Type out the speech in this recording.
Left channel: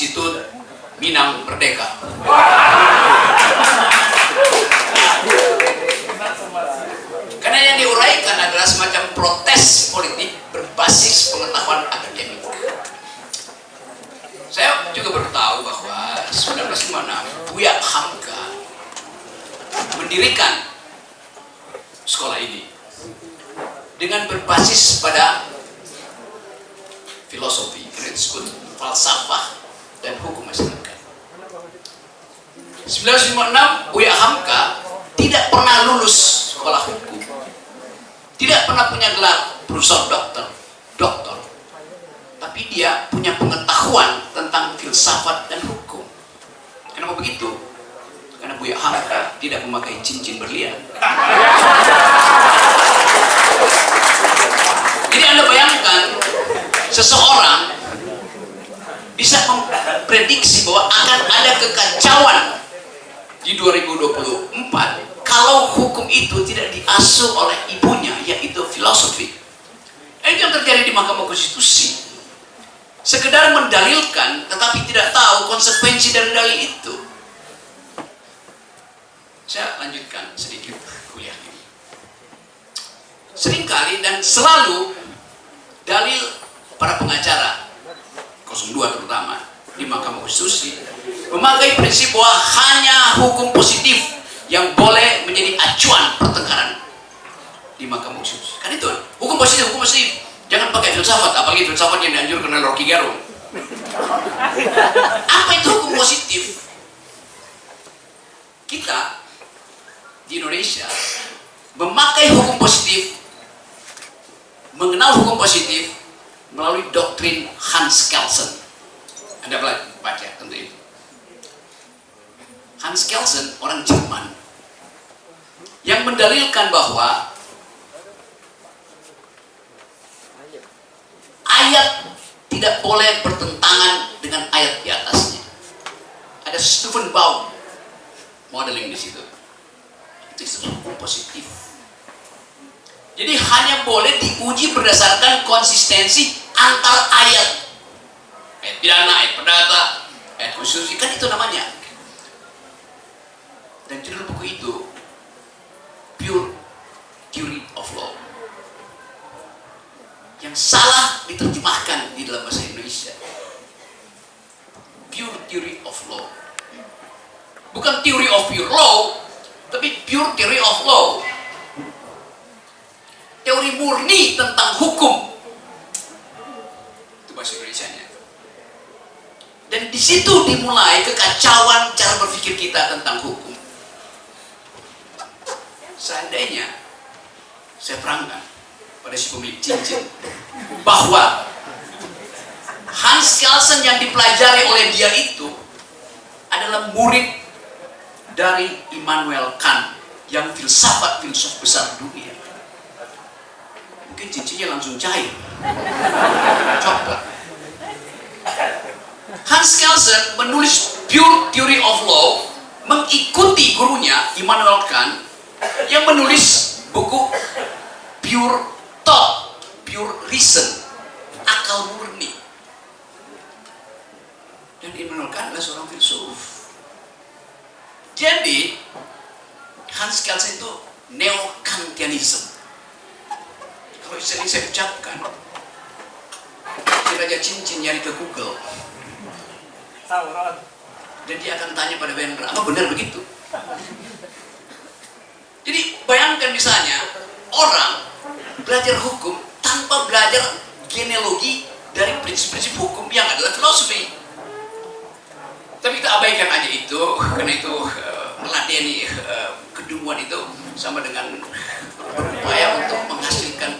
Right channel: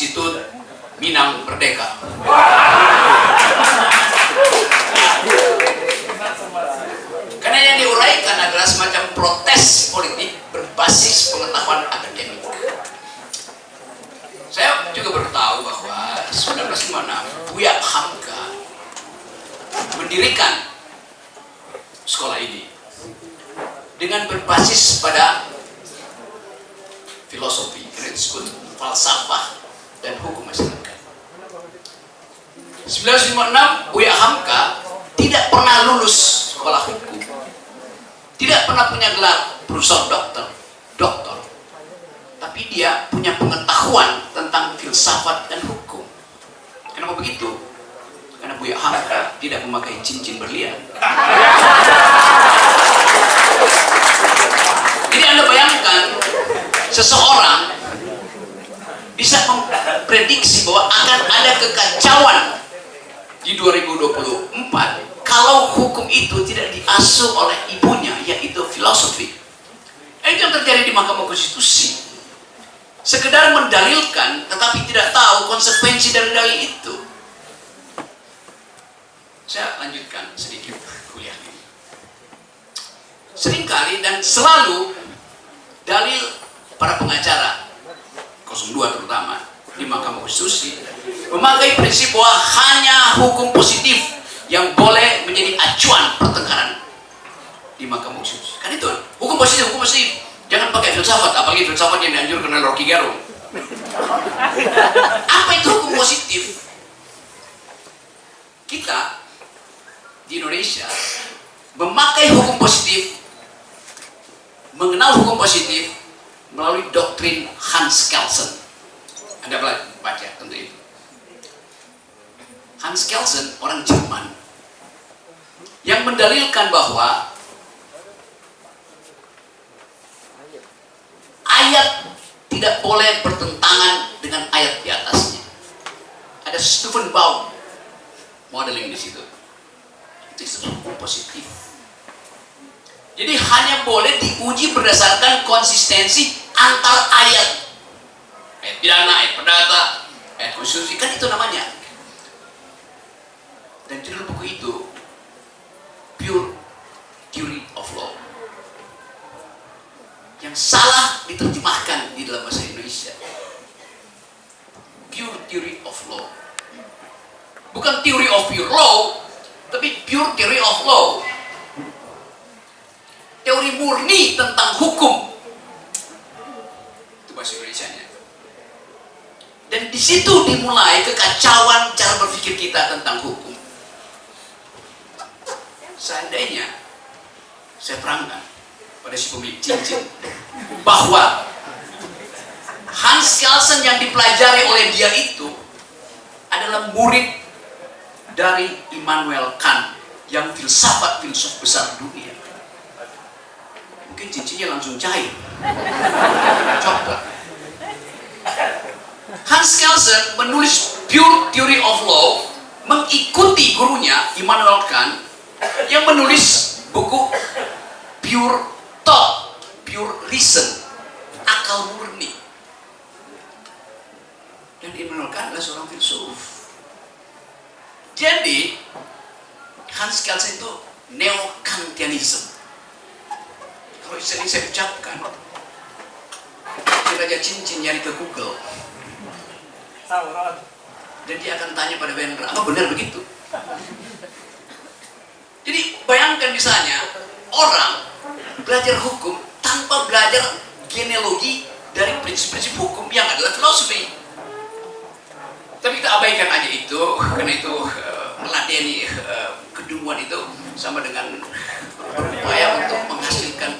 Institut Minang Merdeka. Karena yang diuraikan adalah semacam protes politik berbasis pengetahuan akademik. Saya juga baru tahu bahwa 1956 Buya Hamka mendirikan sekolah ini dengan berbasis pada filosofi, karena disebut falsafah dan hukum masyarakat. 1956 Buya Hamka tidak pernah lulus sekolah hukum, tidak pernah punya gelar profesor doktor, tapi dia punya pengetahuan tentang filsafat dan hukum. Kenapa begitu? Karena Buya Hamka tidak memakai cincin berlian. Jadi Anda bayangkan, seseorang bisa memprediksi bahwa akan ada kekacauan di 2024 kalau hukum itu tidak diasuh oleh ibunya, yaitu filosofi. Itu yang terjadi di Mahkamah Konstitusi. Sekedar mendalilkan, tetapi tidak tahu konsekuensi dari dalil itu. Saya lanjutkan sedikit kuliah ini. Seringkali dan selalu dalil para pengacara 02 terutama di Mahkamah Konstitusi memakai prinsip bahwa hanya hukum positif yang boleh menjadi acuan pertengkaran di Mahkamah Konstitusi. Kan itu hukum positif. Jangan pakai filsafat, apalagi filsafat yang dianjurkan oleh Rocky Gerung. Apa itu hukum positif? Kita di Indonesia memakai hukum positif, mengenal hukum positif melalui doktrin Hans Kelsen. Anda baca tentu itu. Hans Kelsen orang Jerman yang mendalilkan bahwa ayat tidak boleh bertentangan dengan ayat di atasnya. Ada Stephen Baum modeling di situ. Itu hukum positif. Jadi hanya boleh diuji berdasarkan konsistensi antar ayat. Ayat pidana, ayat perdata, ayat konstitusi, kan itu namanya. Dan judul buku itu Pure Theory of Law, yang salah diterjemahkan di dalam bahasa Indonesia. Pure Theory of Law, bukan Theory of Pure Law, tapi Pure Theory of Law, teori murni tentang hukum. Itu bahasa Indonesianya. Dan di situ dimulai kekacauan cara berpikir kita tentang hukum. Seandainya saya terangkan pada si pemilik cincin bahwa Hans Kelsen yang dipelajari oleh dia itu adalah murid dari Immanuel Kant yang filsuf besar dunia, mungkin cincinnya langsung cair. Coba. Hans Kelsen menulis Pure Theory of Law mengikuti gurunya Immanuel Kant yang menulis buku Pure Thought, Pure Reason, akal murni. Dan Immanuel Kant adalah seorang filsuf. Jadi Hans Kelsen itu neo-Kantianism. Kalau istilah ini saya ucapkan, Raja Cincin nyari ke Google, dan dia akan tanya pada Wendra, apa benar begitu? Jadi bayangkan misalnya orang belajar hukum tanpa belajar genealogi dari prinsip-prinsip hukum yang adalah filosofi. Tapi kita abaikan aja itu, karena itu meladeni kedunguan itu sama dengan berupaya untuk menghasilkan